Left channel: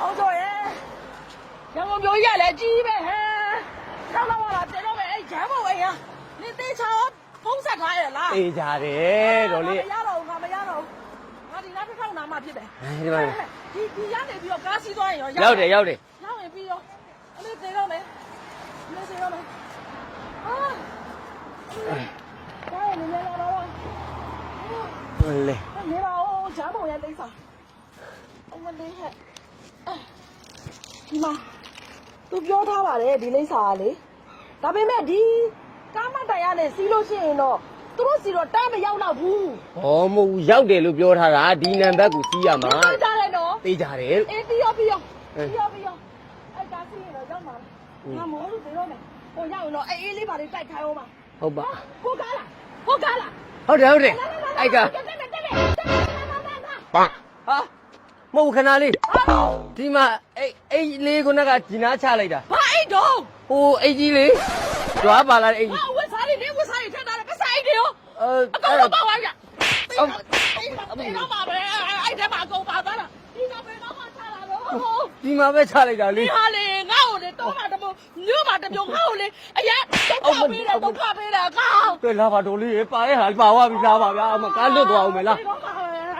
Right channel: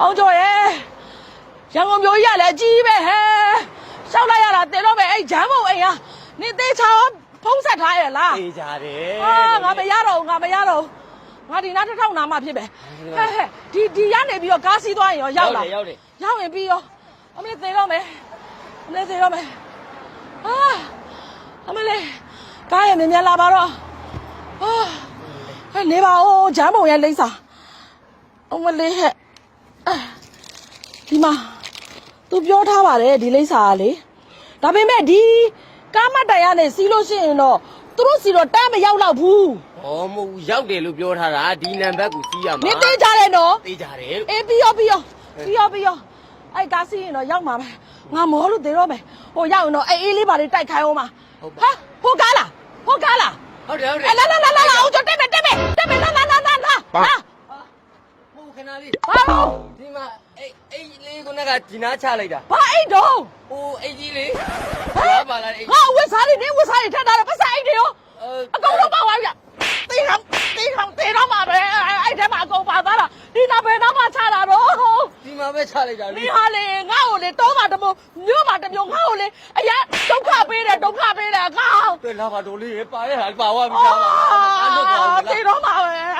အောင်ကျော်ရဲ့ရန်ကုန်မျိုးကြီးကလည်းအကြီးပဲဟဲ့ရှောက်လိုက်ရတာတင်တော့ပဲအဲ့ဂျမ်းမုံအိမ်ဟာနင်သေးချာဖုံးဆက်ထားရဲ့လားအေးကြတယ်အာငါမရတော့ဘူးငါမရတော့ဘူးငါဒီနားတစ်ထောင်နာမှဖြစ်ပဲဒီဟဲ့မှာဟဲ့ဒီဒီရနေပြီးတော့ကားစီးသွားရင်ရောရောက်ရောက်တယ်ရောက်တယ်ရောက်ရင်ပြီးရောအမလေးသေးတော့မယ်အမလေးသေးတော့မယ်အာအမလေးကားရနေမြလာပါတော့အာလေဟဲ့နေပါဦးဂျမ်းမုံရဲ့လိမ့်စာအမလေးဟဲ့အာ ဒီမှာသူပြောထားပါတယ်ဒီလိမ့်စာကလေဒါပေမဲ့ဒီကားမတ်တိုင်ကနေစီးလို့ရှိရင်တော့သူတို့စီတော့တမ်းမရောက်တော့ဘူးဟောမဟုတ်ရောက်တယ်လို့ပြောထားတာဒီနံပါတ်ကိုစီးရမမှာင်းသိကြတယ်နော်သိကြတယ်အေးပြီးရောပြီးရောပြီးရောပြီးရောအဲ့ကားစီးရင်တော့ရောက်မှာပဲငါမောလို့သေးတော့မယ်ဟိုရောက်ရင်တော့အေးအေးလေးပါလေးတိုက်ခိုင်းအောင်ပါဟုတ်ပါဟာဟိုကားလားဟိုကားလားဟုတ်တယ်ဟုတ်တယ်အဲ့လာလာလာလာဟိုကျော်တက်မယ်တက်မယ်တက်မယ်လာလာလာလာလာပါဟာဟာ မဟုတ်ခဏလေးဟာလို့ဒီမှာအဲ့အဲ့လေးခုနကဒီနားချလိုက်တာဘာအိတ်တော့ဟိုအဲ့ကြီးလေးကြွားပါလားအဲ့ငါဝက်စားလေးနေဝက်စားလေးထက်ထားတယ်ပတ်စံအိတ်တွေရောအဲအကောင်တော့ပါသွားပြီတေးတော့တေးတော့တေးတော့မှာပဲအဲ့ထဲမှာအကုန်ပါသွားတာဒီနာဘယ်တော့မှချတာတော့ဒီမှာပဲချလိုက်တာလေဒီဟာလေငါ့ကိုလေတော့မှတမို့မြို့မှတမျိုးငါ့ကိုလေအရင်ဒုက္ခပေးတယ်ဒုက္ခပေးတယ်ကောင်းကဲလာပါတို့လေးပါရဲ့ဟာပါဝါပြီးသားပါလားအမကားလွတ်သွားအောင်မလားတေးတော့မှာပဲရန်ကုန်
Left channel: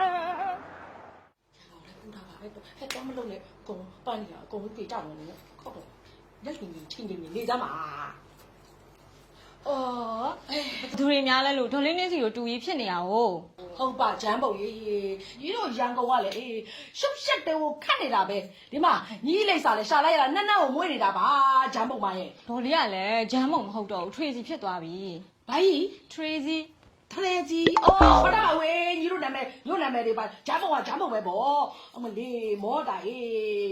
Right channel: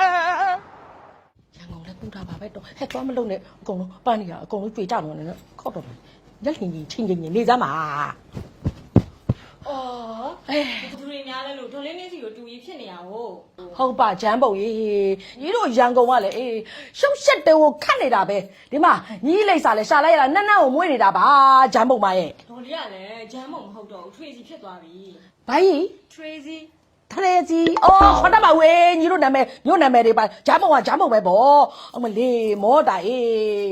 လည်း ပူတာပါပဲတော့ဟဲ့တော့မလုံးနဲ့အကုန်လုံးပန်းနေတာအကုန်လုံးပြေကြတော့နေတော့ခောက်တော့မယ်လက်လင်ကြီးချင်းချင်းနေစမ်းပါအော်အဲဘသူတွေများလဲလို့ဒေါ်လေးနင်းစီကိုတူကြီးဖြစ်နေရအောင်ဟုတ်ပါဂျမ်းပုံကြီးညီတို့ရန်ကုန်ကလည်းအေးရှုပ်ရှက်တဲကိုခတ်နေတာပဲဒီမှာညီလိမ့်စာလဲရှာလိုက်ရတာနက်နက်ကိုမွေးနေတာပါဂျမ်းပုံမရဲ့ဒေါ်လေးကလည်းဂျမ်းမုံမဟုတ်တော့ဘူးထရေစီဖြစ်သွားပြီဘာကြီးထရေစီ ထရေကြီးအော်ဟောတမဝေးညီတို့နာမည်ညို့နာမည်တွေပါဂျမ်းပုံကဂျမ်းပုံပဲဗောအမလေးမောတာအေး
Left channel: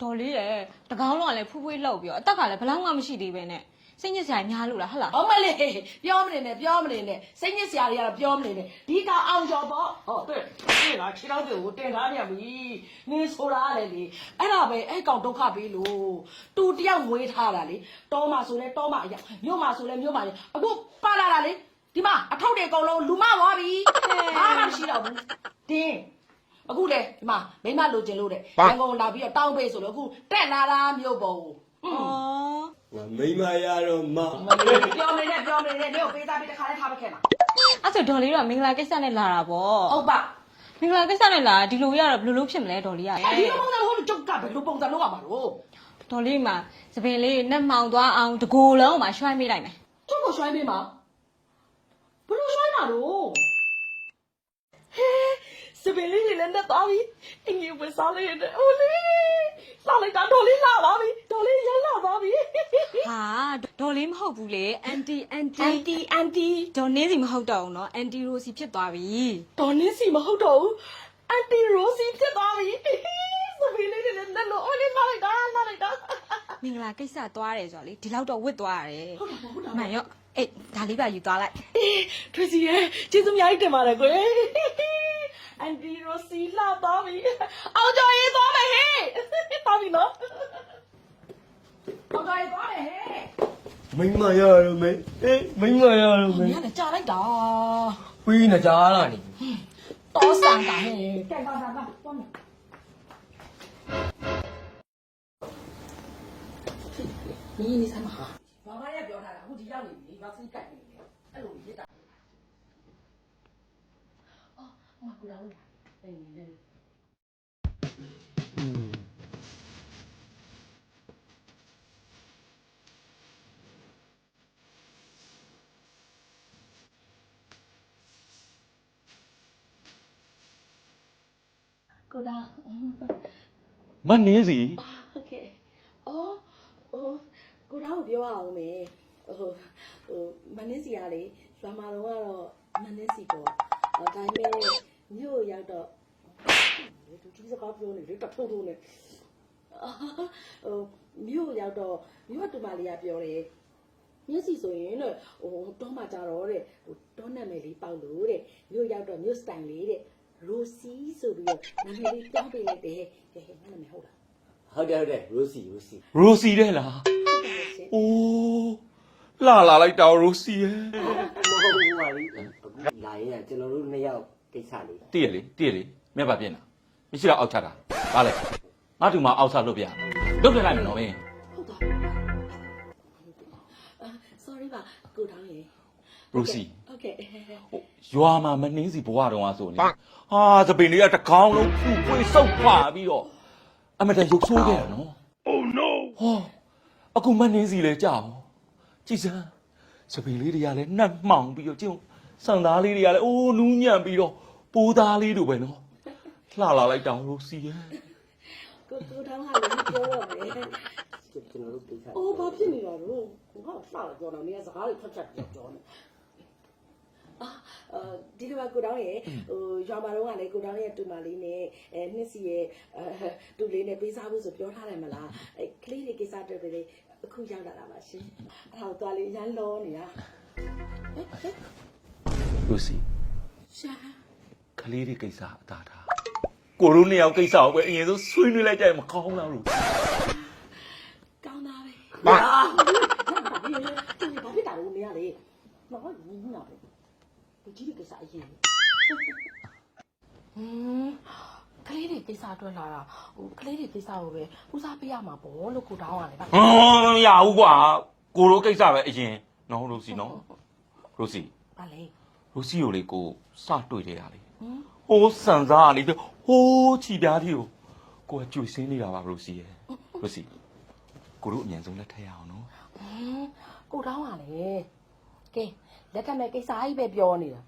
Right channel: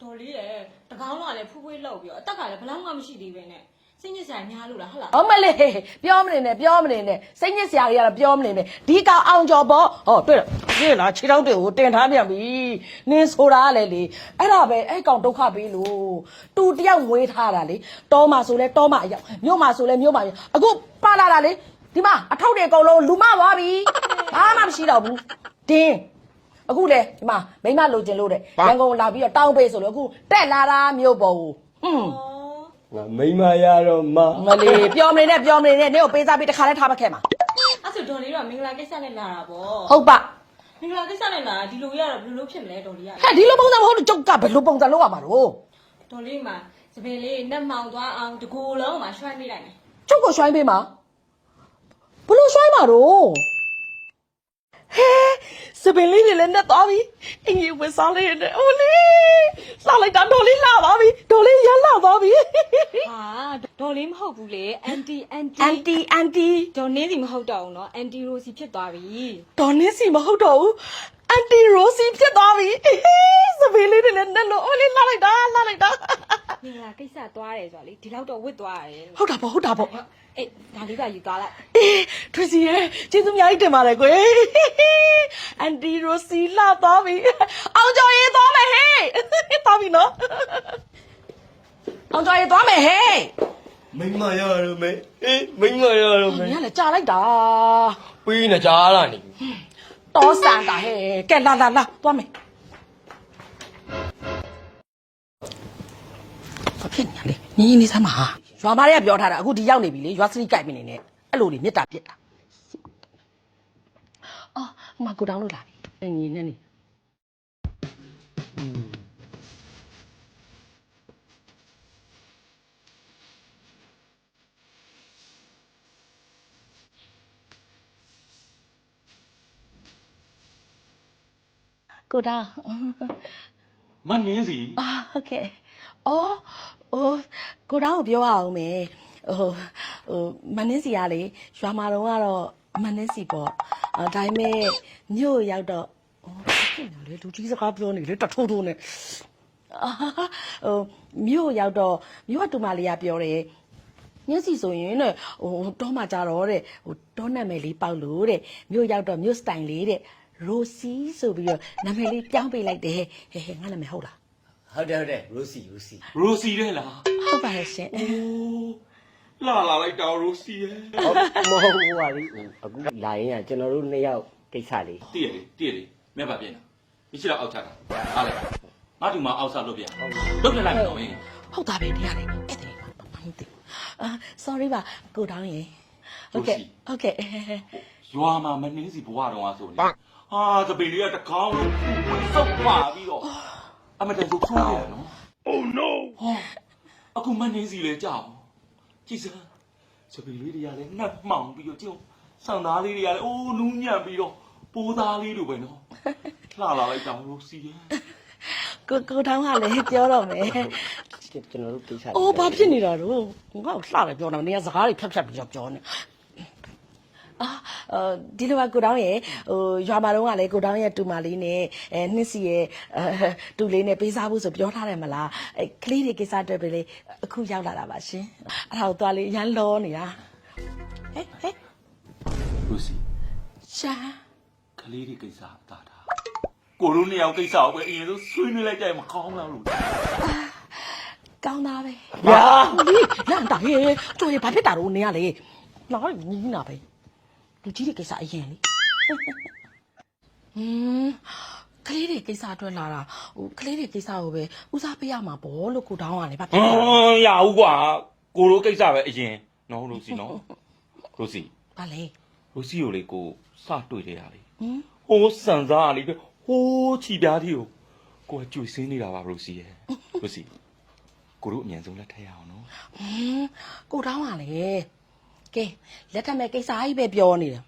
ဒေါ်လေးရဲ့တကောင်းလုံးကလည်းဖူးဖွေးလောက်ပြီးတော့အသက်ကလည်းဘလောက်မှမရှိသေးပဲနဲ့စိတ်ညစ်စရာများလို့လားဟုတ်လားအမလေးပြောမနေနဲ့ပြောမနေနဲ့စိတ်ညစ်စရာတွေကတော့ပြောမနေနဲ့ဒီကောင်အောင်ကျော်ပေါ့ဟောတွေ့လားတွေ့လားခြေထောက်တွေကိုတင်ထားပြန်ပြီနင်းဆိုတာကလည်းလေအဲ့ဒါပဲအဲ့ကောင်ဒုက္ခပေးလို့တူတယောက်ငွေထားတာလေတောမှာဆိုလဲတောမှာအရောက်မြို့မှာဆိုလဲမြို့မှာအရောက်အခုပါလာတာလေ ဒီမှာအထောက်တွေအကုန်လုံးလူမသွားပြီဘာမှမရှိတော့ဘူးတင်းအခုလေဒီမှာမိမလိုချင်လို့တဲ့ရန်ကုန်လာပြီးတော့တောင်းပေးဆိုလို့အခုတက်လာတာမြို့ပေါ်ကိုဟွန်းအော်မိမရတော့မမလေးပြောမနေနဲ့ပြောမနေနဲ့နေကိုပေးစားပြီးတစ်ခါလဲထားမခဲ့မှာအဲ့ဆိုဒေါ်လေးကမင်္ဂလာကိစ္စနဲ့လာတာပေါ့ဟုတ်ပါမင်္ဂလာကိစ္စနဲ့လာဒီလိုရတော့ဘယ်လိုလုပ်ဖြစ်မလဲဒေါ်လေးကဟဲ့ဒီလိုပုံစံမဟုတ်လို့ကျုပ်ကဘယ်လိုပုံစံလုပ်ရမှာတော့ဒေါ်လေးမှာသပင်လေးနှက်မှောင်သွားအောင်တကိုယ်လုံးမှာရွှိုင်းမိလိုက်မယ်ကျုပ်ကိုရွှိုင်းပေးမှာ ဘလို့ဆွဲမှာတော့ဟဲစပင်လေးတွေလည်းနဲ့သွားပြီအင်ကြီးဝစားလေးနဲ့အိုးလေးလာလိုက်တာဒေါ်လေးလာပါပြီဒေါ်လေးရလာသွားပြီဟာဒေါ်လေးမဟုတ်ဘူးလေအန်တီအန်တီအန်တီအန်တီဒေါ်နင်းစီမဟုတ်တော့ဘူးနော်အန်တီရိုစီဖြစ်သွားပြီဒေါ်နင်းစီမဟုတ်တော့ဘူးအန်တီရိုစီဖြစ်သွားပြီစပင်လေးတွေလည်းနဲ့လို့အိုးလေးလာလိုက်တာလာလိုက်တာ မင်္ဂလာကိစ္စသွားတယ်ဆိုတော့လေဒီလောက်တော့ဝစ်သွားရတယ်ဟုတ်တာပေါ့ဟုတ်တာပေါ့ဟုတ်အေးဒါလေးပါယူသွားလိုက်အေးထွေစီရဲကျေးဇူးအများကြီးတင်ပါတယ်ကွယ်အန်တီရိုစီလာသွားပြီအောင်ကျော်ရေးသွားမယ်ဟေးသွားပြီနော်အောင်ကျော်ရေးသွားမယ်ဟေးမိမရတော့မေအေးမိမရတော့မေမင်းကလည်းကြာလိုက်တာပြီးနေကြားလာနေပြီတောဆန်တာဟဲ့ကဲလာလာလာသွားမယ် ဖြစ်နေလဲညီညီနေစမ်းပါဟာရွာမတွေကပြောထားတာအခုဒီရောက်နေပြီလေရွာစရိကြိုက်မနေနဲ့အဲ့လိုလေမေတ္တာပြစ်တာအော်ဟိုမကူတောင်းလို့လာပြီအင်းညီနဲ့နေကိုတောင်းမနင်းစီအာဟုတ်ကဲ့အော် ဟိုကိုတောင်းကိုပြောရအောင်မယ်ဟိုဟိုမနှင်းစီကလေရွာမှာတော့ကတော့မနှင်းစီပေါ့အဲဒါပေမဲ့မြို့ရောက်တော့ဟိုဖြစ်နေလေလူကြီးစကားပြောနေလေတထိုးထိုးနေအာဟိုမြို့ရောက်တော့မြို့ကတူမလေးကပြောတယ်ညစီဆိုရင်တဲ့ဟိုတောမှာကြတော့တဲ့ဟိုတောနာမည်လေးပေါက်လို့တဲ့မြို့ရောက်တော့မြို့စတိုင်လေးတဲ့ရိုစီဆိုပြီးတော့နာမည်လေးပြောင်းပေးလိုက်တယ်ဟဲ့ဟဲ့ငါနာမည်ဟုတ်လား ဟုတ်တယ်ဟုတ်တယ်ရိုစီရိုစီရိုစီတဲ့လားဟုတ်ပါရဲ့ရှင်အိုးလာလာလိုက်တောင်ရိုစီရဲ့ဟုတ်မဟုတ်ဘူးပါလေအခုလာရင်ကကျွန်တော်တို့နှစ်ယောက်ကိစ္စလေးတည့်ရလေတည့်ရလေမြတ်ပါပြင်လားမရှိတော့အောက်ချတာအားလိုက်ငါ့ဒီမှာအောက်စားလုပ်ပြလွတ်ပြလိုက်တော့မင်းဟုတ်တာပဲတရားလေးအဲ့ဒါမဟုတ်ဘူးအာ sorry ပါကိုတောင်းရေဟုတ်ကဲ့ဟုတ်ကဲ့ရွာမှာမနှင်းစီဘဝတော်ကဆိုနေဟာသပင်လေးကတကောင်းလုံးဖွင့်ဆုပ်ခွာပြီးတော့ အမတန်ရုပ်ဆိုးတယ်နော် Oh no ဟောအခုမနှင်းစီလဲကြောက်ကြည်စမ်းသပင်လေးတွေကလည်းနှက်မှောင်ပြီးတော့ကျုံစံသားလေးတွေကလည်းအိုးနူးညံ့ပြီးတော့ပိုးသားလေးတို့ပဲနော်လှလာလိုက်တောင်လို့စီရဲ့ကိုကိုတောင်းကလည်းပြောတော့မယ်ကျွန်တော်တို့ကိစ္စအိုးဘာဖြစ်နေတာတော့ငါ့ကိုလှတယ်ပြောတော့နေစကားတွေဖြတ်ဖြတ်ပြီးပြောနေ အာအဲဒီလိုကကိုတောင်းရဲ့ဟိုရွာမှာတော့ကလည်းကိုတောင်းရဲ့တူမလေးနဲ့အဲနှစ်စီရဲ့အဲတူလေးနဲ့ပေးစားဖို့ဆိုပြောထားတယ်မလားအဲကလေးတွေကိစ္စအတွက်ပဲလေအခုရောက်လာတာပါရှင်အဲ့ဒါကိုသွားလေးရမ်းလောနေတာဟဲ့ဟဲ့လို့စီရှာကလေးတွေကိစ္စအသာထားကိုတို့နှစ်ယောက်ကိစ္စကိုပဲအရင်ဆုံးဆွေးနွေးလိုက်ကြရင်မကောင်းလားလို့ကောင်းသားပဲဟာလန့်တာဟေးကျွေးဘာဖြစ်တာလို့နေရလေလာညီးနာပဲ လူကြီးတွေကိစ္စအရင်လေဟမ်ကလေးတွေကိစ္စအတွက်လာတာဟိုကလေးတွေကိစ္စကိုပဲဦးစားပေးရမှာပေါ့လို့ကိုတောင်းရတယ်ဗျဟမ်ရဘူးကွာကိုတို့ကိစ္စပဲအရင်နော်လို့စီနော်လို့စီဗာလေလို့စီကိုလေကိုစတွေ့တယ်ရလေဟမ်ဟိုးစံစားလေးပြီးဟိုးချီပြားတီကိုကိုကကြွေစင်းနေတာပါလို့စီရဲ့လို့စီကိုတို့အမြန်ဆုံးလက်ထက်ရအောင်နော်ဟမ်ကိုတောင်းရလေ ကဲလက်ထက်မဲ့ကိစ္စကြီးပဲပြောနေတယ်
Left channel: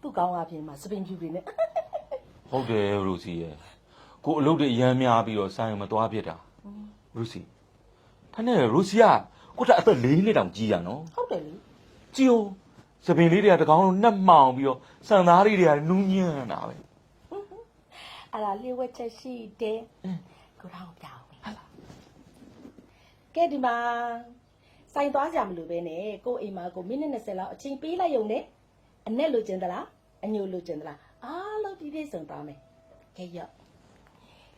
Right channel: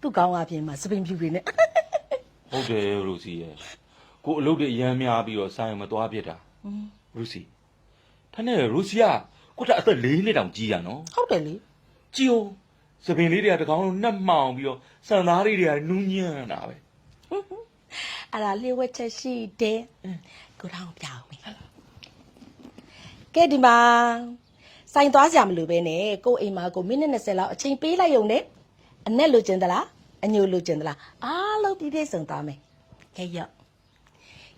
သူ့ကောင်းအပြင်မှာစပင်ဖြူတွေနဲ့ဟုတ်တယ်လို့စီရဲ့ကိုအလုပ်တွေအရမ်းများပြီးတော့ဆိုင်မသွားဖြစ်တာလို့စီဖနဲ့လို့စီကကိုတက်အသက်၄နှစ်တောင်ကြီးရနော်ဟုတ်တယ်လေကြည်ဦးသပင်လေးတွေကတကောင်လုံးနှက်မှောင်ပြီးတော့စံသားလေးတွေကနူးညံ့တာပဲအဲ့ဒါလျှို့ဝှက်ချက်ရှိတယ်ကိုတောင်းပြောင်းမယ်ဟုတ်လားကဲဒီမှာ စိုင်သွားကြမလို့ပဲနဲ့ကိုအိမ်မှာကိုမိနစ်20လောက်အချိန်ပေးလိုက်ရုံနဲ့အနဲ့လိုချင်သလားအညိုလိုချင်သလားအားလုံးပြည့်ပြည့်စုံသွားမယ်ကဲရော့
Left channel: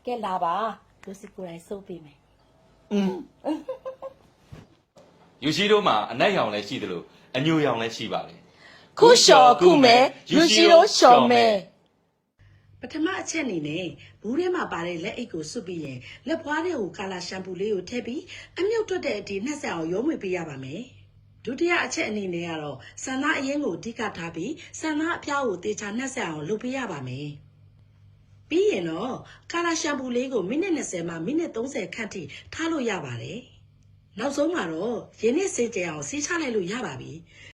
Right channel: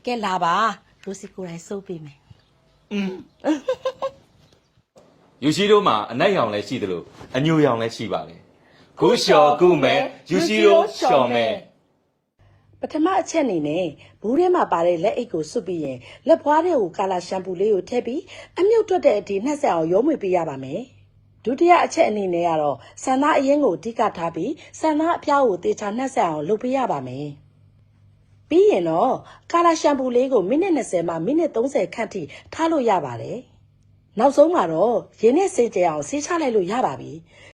ကဲလာပါဒိုစီကိုယ်တိုင်စိုးပေးမယ်ယူရှိတို့မှာအနက်ရောင်လည်းရှိတယ်လို့အညိုရောင်လည်းရှိပါတယ်ယူရှိတို့ရှော်မယ် ပထမအချက်အနေနဲ့ဘူးထဲမှာပါတဲ့လက်အိတ်ကိုစွပ်ပြီးရင်လက်ဖွားတဲ့ကိုကာလာရှမ်ပူလေးကိုထည့်ပြီးအမြုပ်တွက်တဲ့အထိနှက်ဆက်အောင်ရုံးမွေပေးရပါမယ်ဒုတိယအချက်အနေနဲ့ကတော့ဆန္ဒအရင်ကိုအဓိကထားပြီးဆန္ဒအဖျားကိုတေချာနှက်ဆက်အောင်လုပ်ပေးရပါမယ်ပြီးရင်တော့ကာလာရှမ်ပူလေးကိုမိနစ်20မှမိနစ်30ခန့်ထိထားလို့ရပါတယ်နောက်ဆုံးမှာတော့ရင်းနဲ့စေးကြအောင်ဆေးချလိုက်လို့ရပါပြီ။